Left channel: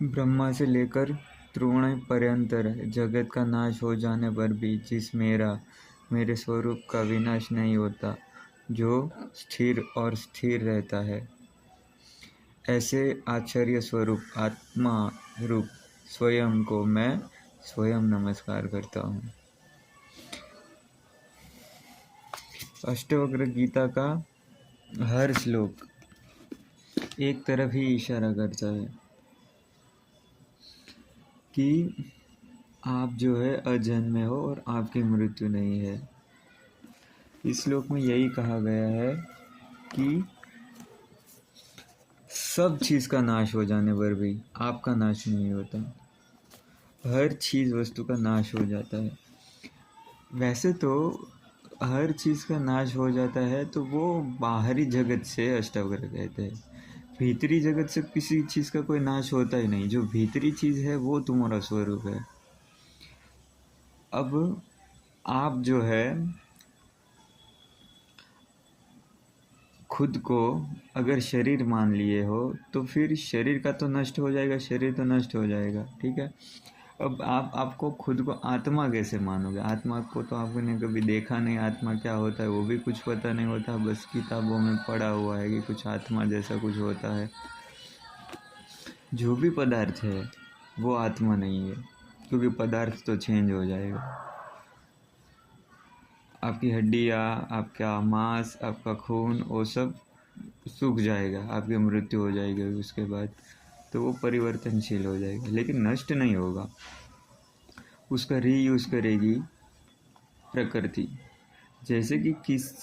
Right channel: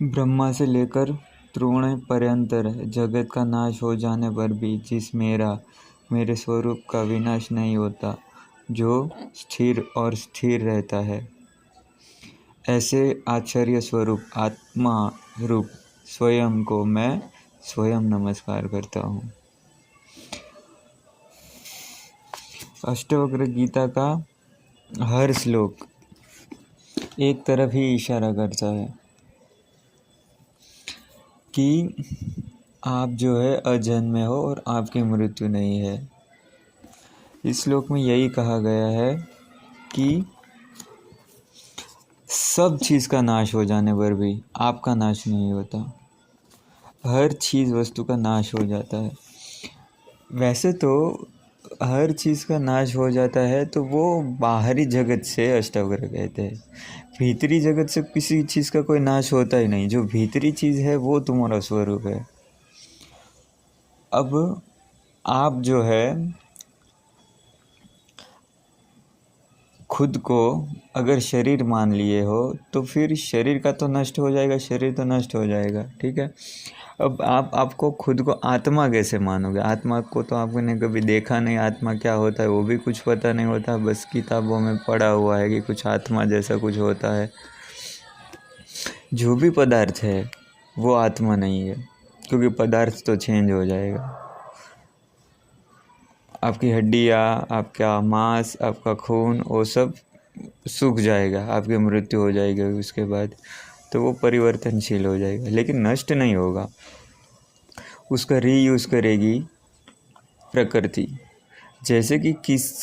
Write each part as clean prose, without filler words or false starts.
ब्रह्मा से लेकर त्रिगुण पर्यंत जगत का नाश हो जाने पर भी जिस मेरे स्वरूप का विनाश नहीं होता, जो स्थिर और स्थिर रहता है, ऐसे आश्चर्य स्वरूप आत्मा रूप स्वयं को मैं स्वयं नमस्कार करता हूँ। अष्टवक्र गीता का हर श्लोक एक तरफ ही इशारा करता है कि आप जो है अजन्मे हो और आपकी मृत्यु नहीं है। इस श्लोक में यही कहा गया है कि सब चीज़ का नाश हो जाने पर भी आपका नाश नहीं होता। हर चीज़ वस्तु का नाश हो जाता है। वैसे तो हर चीज़ का नाश हो जाता है तो वो बाहरी जगत से अष्टावक्र कहते हैं। भीतरी जगत से किसी चीज़ का कोई नाश होता ही नहीं। जो भीतरी चीज़ है वो तुम्हारा स्वरूप है। अब आप जो है खुद को अगर शरीर मान लिए हो तो फिर शरीर का तो नष्ट हो जाएगा, शरीर तो नष्ट हो जाएगा, ठीक है। अब आपको खुद को आत्मा कैसे मानोगे? आत्मा को तो आपने कभी देखा नहीं, आत्मा क्या होता है वो भी कुछ पता नहीं होता, बस किताबों में पढ़ा हुआ है कि कुछ आत्मा जैसा कुछ होता है। जो भी पदार्थ है वो आत्मा नहीं है, क्योंकि पदार्थ तो चेंज हो जाएगा। आपकी हड्डियाँ, आपका मांस, आपका खून, वो सब सूख जाएगा, आपकी मृत्यु हो जाएगी उसके बाद, तो वो परिवर्तनशील हो जाएगा, लेकिन नष्ट नहीं होगा। उसका रीयूज़ करेगी प्रकृति। जैसे कि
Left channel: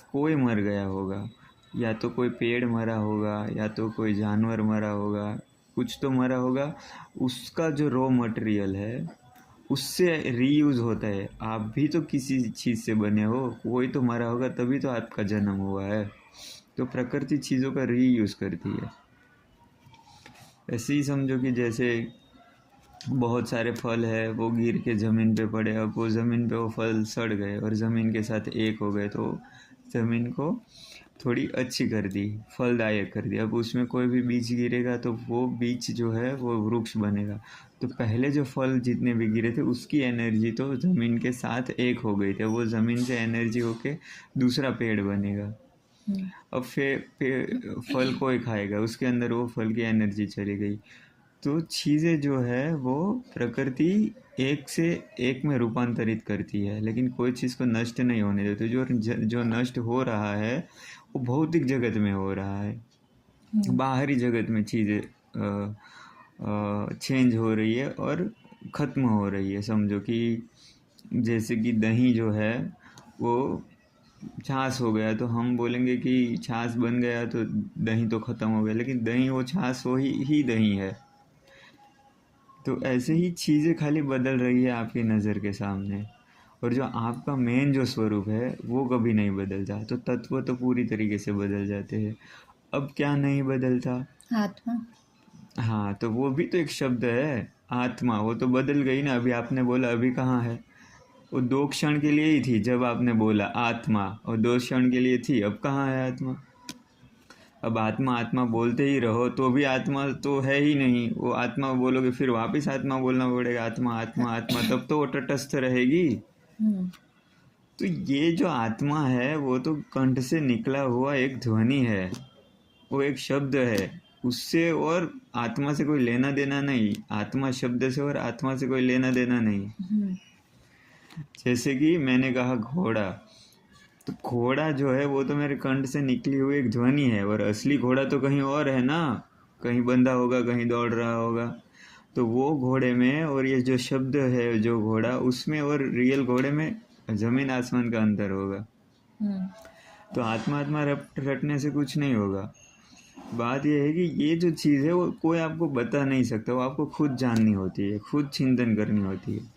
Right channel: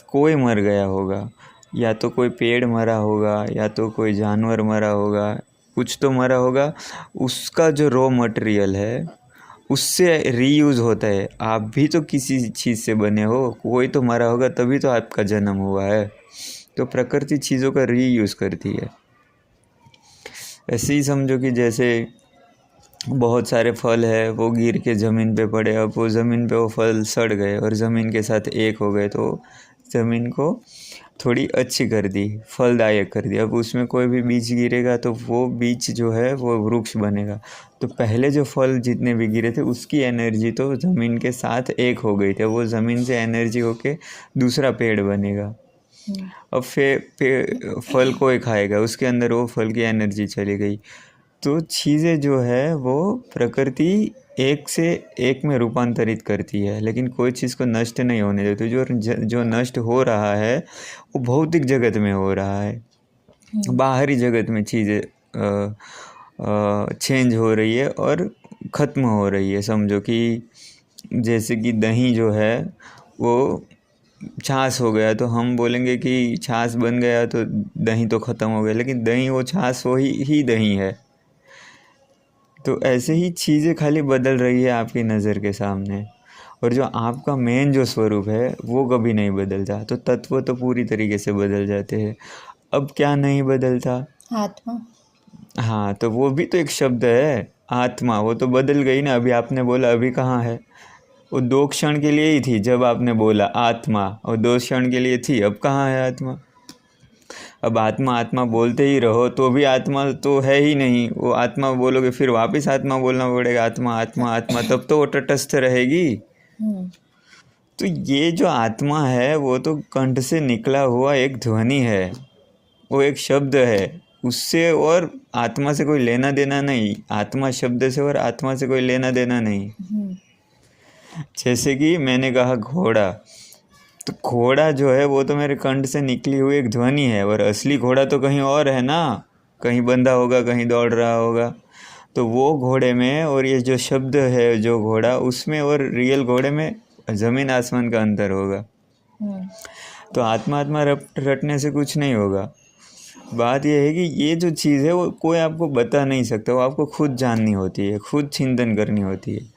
कोई मर गया होगा, या तो कोई पेड़ मरा होगा, या तो कोई जानवर मरा होगा, कुछ तो मरा होगा, उसका जो रॉ मटेरियल है उससे रीयूज़ होता है। आप भी तो किसी चीज़ से बने हो, कोई तो मरा होगा तभी तो आपका जन्म हुआ है। तो प्रकृति चीज़ों का रीयूज़ करती है। ऐसे ही समझो कि जैसे बहुत सारे फल है, वो गिर के ज़मीन पे पड़े, अब वो ज़मीन पे वो फल सड़ गए और ज़मीन के साथ एक हो गए, तो ज़मीन को थोड़ी अच्छी कर दी, फलदायक कर दी। अब उसमें कोई भी बीज गिरेगा तो वो बीज जो है वो वृक्ष बनेगा। तो पहले जो फल जितने भी गिरे थे उसकी एनर्जी तो ज़मीन के साथ एक हो गई थी, वो ज़मीन से एनर्जी होके दूसरा पेड़ बनेगा। अब फल कोई खाएगा, उसके अंदर वो फल की एनर्जी चली गई। तो चीज़ें जो है वो प्रकृति एक से एक में रूपांतरित करती है, लेकिन कोई चीज़ को नष्ट नहीं होने देती। जो नष्ट हो रहा है वो भौतिक जगत में हो रहा है। बाहरी जगत में चीज़ें चेंज हो रही है और ख़त्म हो रही है। समझो कि जैसे कि दही जो है वो छाछ हो गया, तो हम बोलेंगे कि छाछ बन गया तो दही तो ख़त्म हो गया, लेकिन दही वो छाछ ही दही है। तो ऐसे ही चीज़ें खाली बदल रही है आपकी नज़र के सामने, और जो आपका मेन जो स्वरूप है वो कभी नहीं बदलता। तो तत्व तो पूरी तरीके से बदल जाते हैं। अब क्या नहीं बदलता? आत्मा। हाँ, तो वो भी तो एक शब्द है, आत्मा। वो तो बदल गई ना। अभी आपने बोला, अभी कहाँ है? वो 2 क्षण के लिए ही थी जब आपने बोला आत्मा, और 2 क्षण के लिए थी, अब कहाँ है आत्मा? अब आत्मा आत्मा बोलते ही रहो तो भी आत्मा तो है ही नहीं। वो आत्मा बोलोगे फिर वापस आत्मा बोलना पड़ेगा, आत्मा आत्मा आत्मा, तब तो वो तटस्थ रहेगी। तो ये जो आत्मा है वो तो कंठ से निकला हुआ एक ध्वनि है, वो एक शब्द है, उससे और आत्मा से कोई लेना देना नहीं। आत्मा शब्द से और आत्मा से कोई लेना देना नहीं। जैसे कि मैंने कहा घोड़ा, तो घोड़ा जो है वो तो मेरे कंठ से निकली हुई एक ध्वनि है, और असली घोड़ा तो कहीं और है ना, कहीं बंधा होगा, कहीं दौड़ रहा होगा। तो वो घोड़े में और ये जो शब्द है जो घोड़ा, उसमें और रियल घोड़े में ज़मीन आसमान का अंतर होगा। तो आत्मा आत्मा रटने से कुछ नहीं होगा। बात यह है कि ये जो चीज़ है वो कोई आपको बता नहीं सकता, वो आपको खुद जाननी होती है, खुद चिंतन करनी होती है।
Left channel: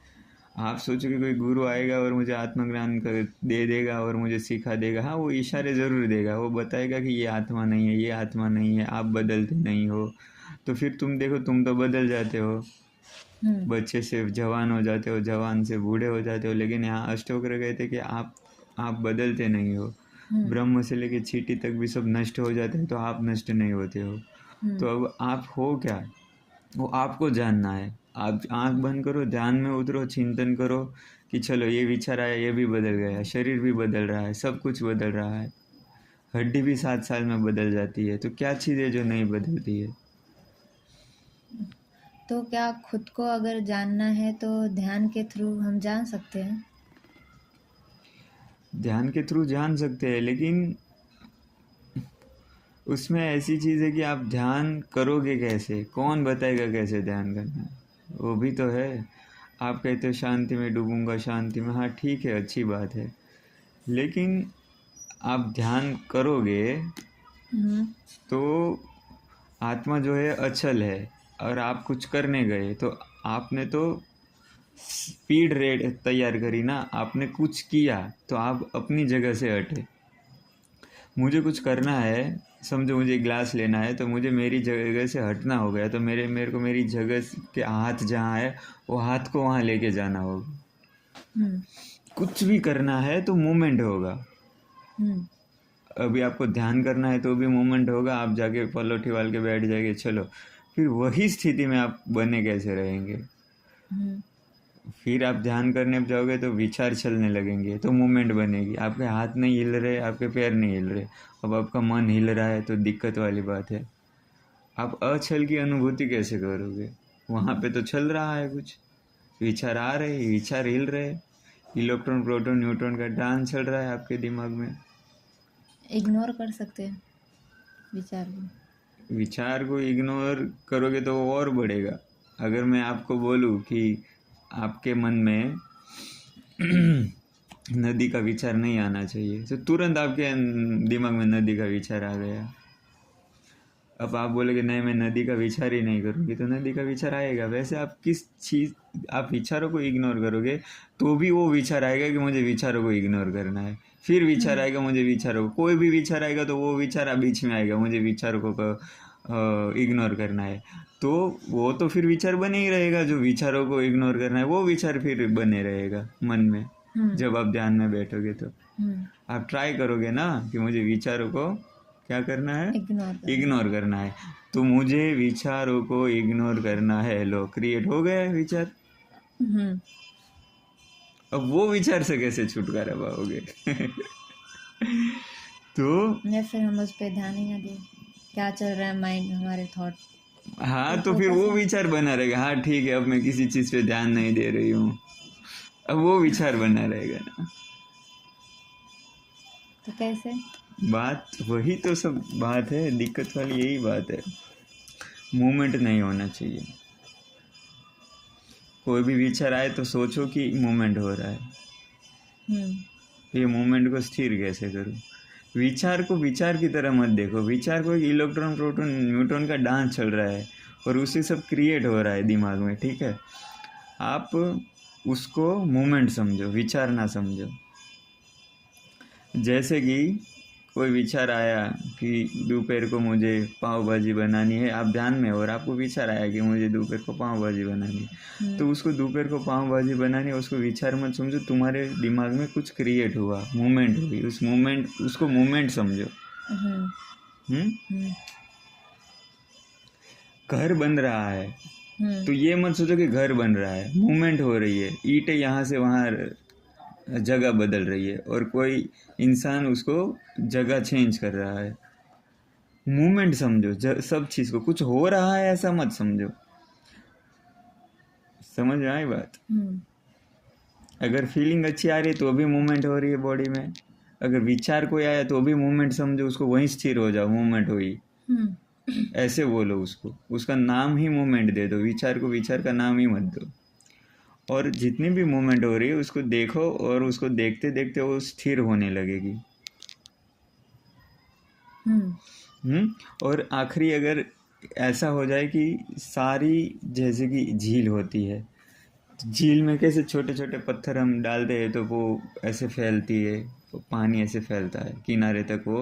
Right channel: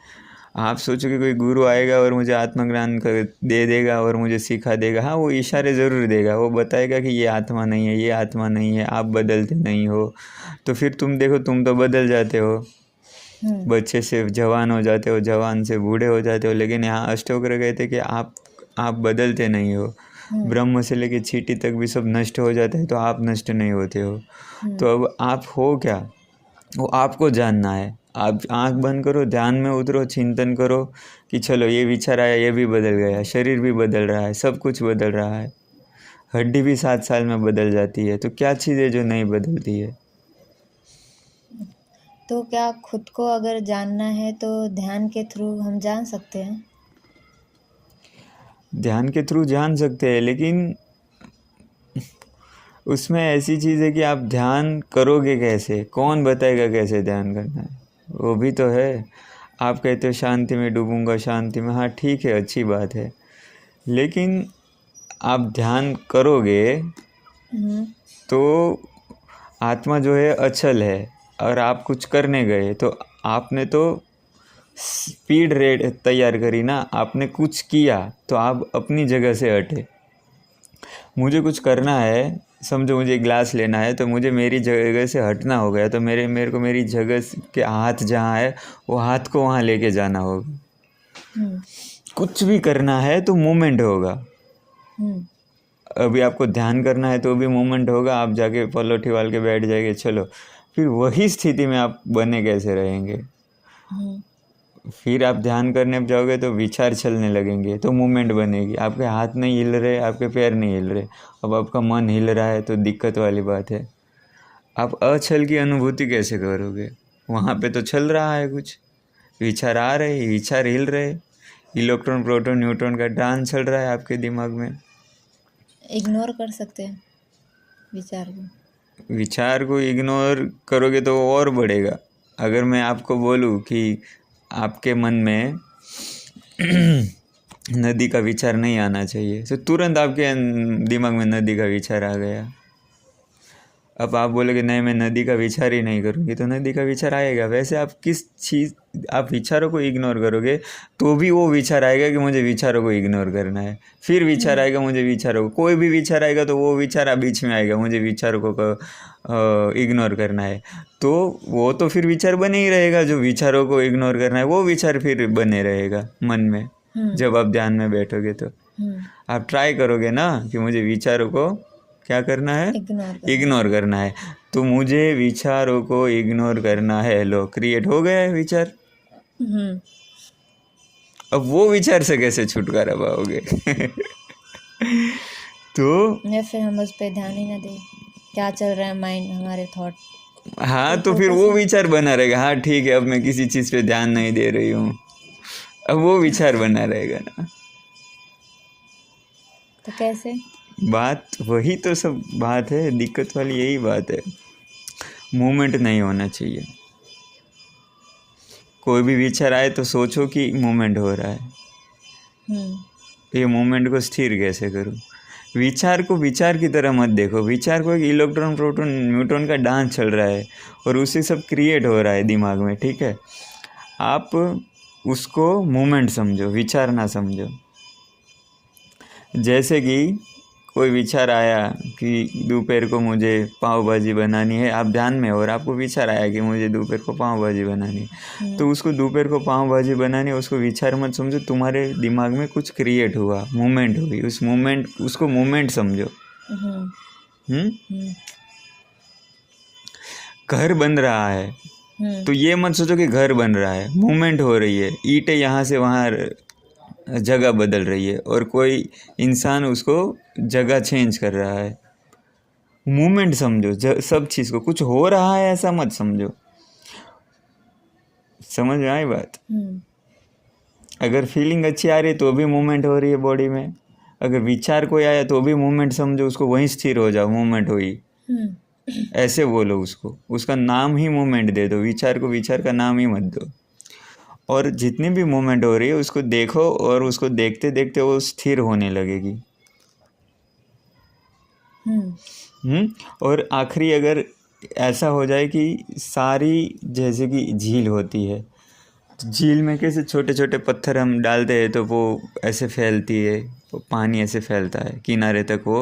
आप सोचो कि कोई गुरु आएगा और मुझे आत्मज्ञान दे देगा और मुझे सिखा देगा। हाँ, वो इशारे ज़रूर देगा, वो बताएगा कि ये आत्मा नहीं है, ये आत्मा नहीं है, आप बदलते नहीं हो। तो फिर तुम देखो, तुम तो बदल जाते हो, बच्चे से जवान हो जाते हो, जवान से बूढ़े हो जाते हो, लेकिन यहाँ अष्टवक्र कहते कि आप बदलते नहीं हो। ब्रह्म से लेके चींटी तक भी सब नष्ट हो जाते हैं, तो आप नष्ट नहीं होते हो। तो अब आप हो क्या? वो आपको जानना है। आप आंख बंद करो, ध्यान में उतरो, चिंतन करो कि चलो ये विचार आया, ये भी बदल गया, शरीर भी बदल रहा है, सब कुछ बदल रहा है, हड्डी भी 7 साल में बदल जाती है, तो क्या चीज़ है जो नहीं बदलती है? तो क्या खुद को अगर जानना है तो ध्यान के थ्रू हम जान सकते हैं? ध्यान के थ्रू जान सकते हैं, लेकिन उसमें ऐसी चीज़ है कि आप ध्यान करोगे कैसे, कौन बताएगा कैसे ध्यान करना है? वो भी तो है। आप कहते हो शांति में डूबूंगा, शांति में, हाँ ठीक है, अच्छी बात है, लेकिन आप ध्यान करोगे हम्म। तो आत्मा जो है अचल है, और आप कुछ करने गए तो आपने तो स्पीड रेट तैयार करी ना, आपने कुछ किया तो आप अपनी जगह से हटे। मुझे कुछ करना है, समझो मुझे ग्लास लेना है, तो मुझे मेरी जगह से हटना हो गया, तो मेरे को मेरी जगह के हाथ जहाँ है वो हाथ को वहाँ लेके जाना होगा। हम्म। कुछ भी करना है तो मूवमेंट होगा। हम्म। अभी आपको ध्यान करना है तो भी मूवमेंट होगा, आप जाके पलोठी वाल के बैठ जाएंगे, चलो, फिर वही स्थिति में आप बने कैसे रहेंगे? हम्म। फिर आप ध्यान करने जाओगे तो विचार चलने लगेंगे, तो मूवमेंट बनेगी, आपके हाथ नहीं हिल रहे, आपके पैर नहीं हिल रहे, अब आपका मन हिल रहा है, तो दिक्कत वाली बात है। आप अछल की अनुभूति कैसे करोगे? वहाँ पे तो चल रहा है कुछ, विचार आ रहे, विचार हिल रहे, इलेक्ट्रॉन प्रोटॉन न्यूट्रॉन का डांस चल रहा है आपके दिमाग में। इग्नोर कर सकते हैं विचार को? विचार को इग्नोर करोगे तो वो और बढ़ेगा। अगर मैं आपको बोलूँ कि आपके मन में नदी का विचार नहीं आना चाहिए, तो तुरंत आपके दिमाग में नदी का विचार आ गया। अब आप बोलोगे नहीं, मैं नदी का विचार ही नहीं करूँगी, तो नदी का विचार आएगा। वैसे आप किस चीज़, आप विचारों को इग्नोर करोगे तो भी वो विचार आएगा कि मुझे विचारों को इग्नोर करना है, फिर विचार आएगा मुझे विचारों को, कोई भी विचार आएगा तो वो विचार बीच में आएगा, मुझे विचारों को इग्नोर करना है, तो वो तो फिर विचार बने ही रहेगा। जो विचारों को इग्नोर करना है वो विचार फिर बने रहेगा मन में। जब आप ध्यान में बैठोगे तो आप ट्राई करोगे ना कि मुझे विचारों को क्या करना है, इग्नोर करना है, तो मुझे विचारों को इग्नोर करना है, लो क्रिएट हो गया है विचार। अब वो विचार से कैसे छुटकारा पाओगे? तो या फिर हम उस पर ध्यान ही ना दें, क्या चल रहा है माइंड, हमारे थॉट। हाँ, तो फिर वो विचार बना रहेगा, हाँ ठीक है, अब मैं किसी चीज़ पे ध्यान नहीं दे रही हूँ, अब वो विचार बना रहेगा ना। तो कैसे? बात वही तो सब बात है, दिक्कत वाली यही बात है, मूवमेंट नहीं होना चाहिए। कोई भी विचार आए तो सोचो कि मूवमेंट हो रहा है, ये मूवमेंट को स्थिर कैसे करूं? विचार को विचार की तरह मत देखो, विचार को एक इलेक्ट्रॉन प्रोटॉन न्यूट्रॉन का डांस चल रहा है और उससे सब क्रिएट हो रहा है दिमाग में, ठीक है? आप उसको मूवमेंट समझो, विचार ना समझो। जैसे कि कोई विचार आया कि दोपहर को मुझे पाव भाजी बनानी है, आप ध्यान में हो और आपको विचार आया कि मुझे दोपहर को पाव भाजी बनानी है, तो उसको दोपहर को पाव भाजी बनानी है, उसको विचार मत समझो, तुम्हारे दिमाग में कुछ क्रिएट हुआ, मूवमेंट हुई, उस मूवमेंट, उसको मूवमेंट समझो। घर बन रहा है, तो ये मत सोचो कि घर बन रहा है, मूवमेंट हो रही है, ईंटें यहाँ से वहाँ जगह बदल रही है और कोई इंसान उसको जगह चेंज कर रहा है। मूवमेंट समझो, सब चीज़ को, कुछ हो रहा है ऐसा मत समझो। समझ में आई बात? अगर फीलिंग अच्छी आ रही है तो भी मूवमेंट हो रही है बॉडी में, अगर विचार कोई आया तो भी मूवमेंट समझो, उसको वहीं स्थिर हो जाओ, मूवमेंट हुई, ऐसे बोलो उसको, उसका नाम ही मूवमेंट दे दो, विचार को विचार का नाम ही मत दो। और जितनी भी मूवमेंट हो रही है उसको देखो और उसको देखते देखते वो स्थिर होने लगेगी। और आखिरी अगर ऐसा हो जाए कि सारी, जैसे कि झील होती है, तो झील में कैसे छोटे छोटे पत्थर हम डालते हैं तो वो ऐसे फैलती है, वो पानी ऐसे फैलता है, किनारे तक वो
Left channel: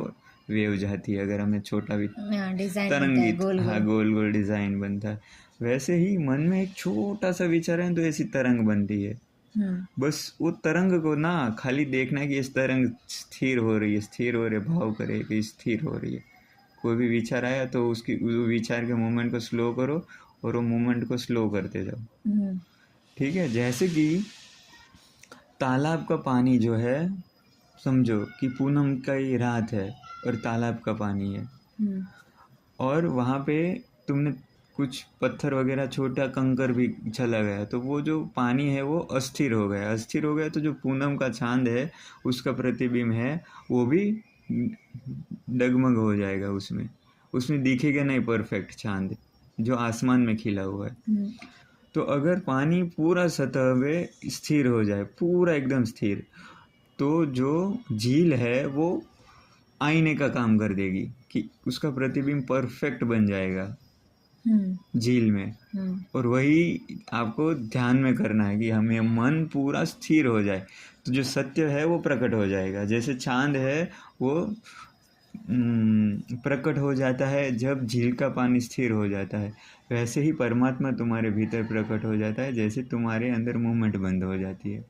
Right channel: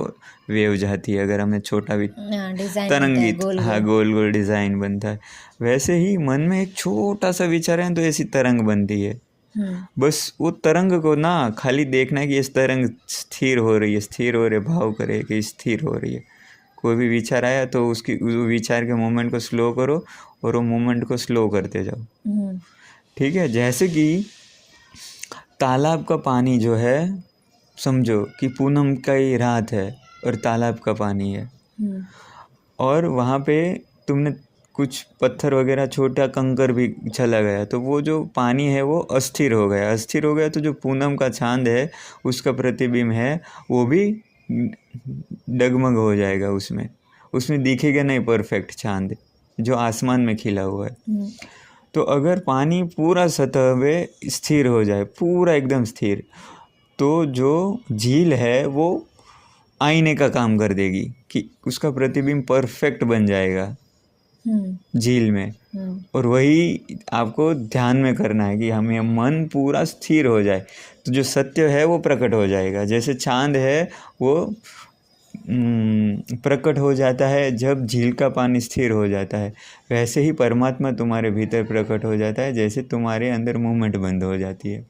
वेव जाती है, अगर हमें छोटा भी तरंगित, हाँ गोल गोल डिज़ाइन बनता है, वैसे ही मन में एक छोटा सा विचार है तो ऐसी तरंग बनती है। बस वो तरंग को ना खाली देखना है कि इस तरंग स्थिर हो रही है, स्थिर हो रही है, भाव करे कि स्थिर हो रही है, कोई भी विचार आया तो उस विचार के मूवमेंट को स्लो करो और वो मूवमेंट को स्लो करते जाओ। ठीक है। जैसे कि तालाब का पानी जो है, समझो कि पूनम की रात है और तालाब का पानी है, और वहाँ पे तुमने कुछ पत्थर वगैरह, छोटा कंकर भी चला गया, तो वो जो पानी है वो अस्थिर हो गया। अस्थिर हो गया तो जो पूनम का चांद है उसका प्रतिबिंब है वो भी डगमग हो जाएगा, उसमें दिखेगा नहीं परफेक्ट चांद जो आसमान में खिला हुआ है। तो अगर पानी पूरा सतह पे स्थिर हो जाए, पूरा एकदम स्थिर, तो जो झील है वो आईने का काम कर देगी कि उसका प्रतिबिंब परफेक्ट बन जाएगा झील में। और वही आपको ध्यान में करना है कि हमें मन पूरा स्थिर हो जाए, तो जो सत्य है वो प्रकट हो जाएगा। जैसे चांद है वो प्रकट हो जाता है जब झील का पानी स्थिर हो जाता है, वैसे ही परमात्मा तुम्हारे भीतर प्रकट हो जाता है जैसे तुम्हारे अंदर मूवमेंट बंद हो जाती है।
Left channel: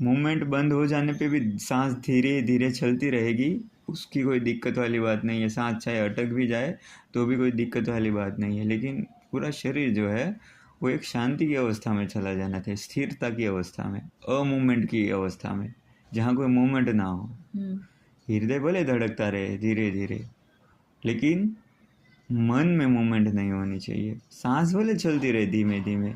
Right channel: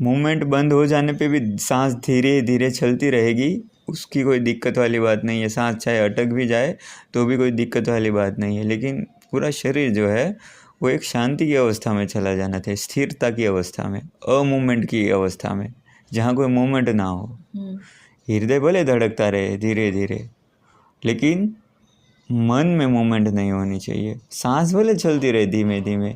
मूवमेंट बंद हो जाने पे भी सांस धीरे धीरे चलती रहेगी, उसकी कोई दिक्कत वाली बात नहीं है। सांस चाहे अटक भी जाए तो भी कोई दिक्कत वाली बात नहीं है, लेकिन पूरा शरीर जो है वो एक शांति की अवस्था में चला जाना चाहिए, स्थिरता की अवस्था में, अमूवमेंट की अवस्था में, जहाँ कोई मूवमेंट ना हो। हृदय भले धड़कता रहे धीरे धीरे, लेकिन मन में मूवमेंट नहीं होनी चाहिए। सांस भले चलती रहे धीमे धीमे,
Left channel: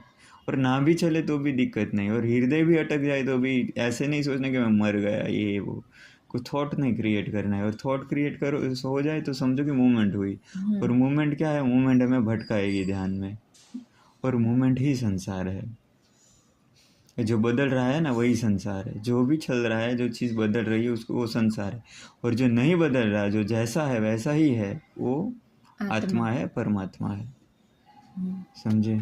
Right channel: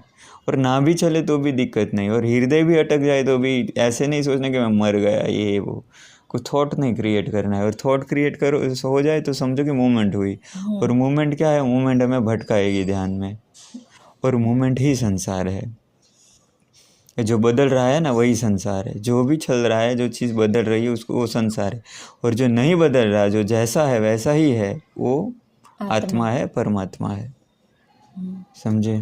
और ना भी चले तो भी दिक्कत नहीं, और हृदय भी अटक जाए तो भी ऐसे नहीं सोचना कि मैं मर गया, ये वो कुछ थॉट नहीं क्रिएट करना है। और थॉट क्रिएट करो हो जाए तो समझो कि मूवमेंट हुई। और मूवमेंट क्या है? मूवमेंट हमें भटकाएगी ध्यान में, और मूवमेंट ही संसार है। जो बदल रहा है ना वही संसार है, जो भी चल रहा है, जो चीज़ बदल रही है उसको वो संसार है। और जो नहीं बदल रहा, जो जैसा है वैसा ही है, वो आत्मा है, परमात्मा है। समझे?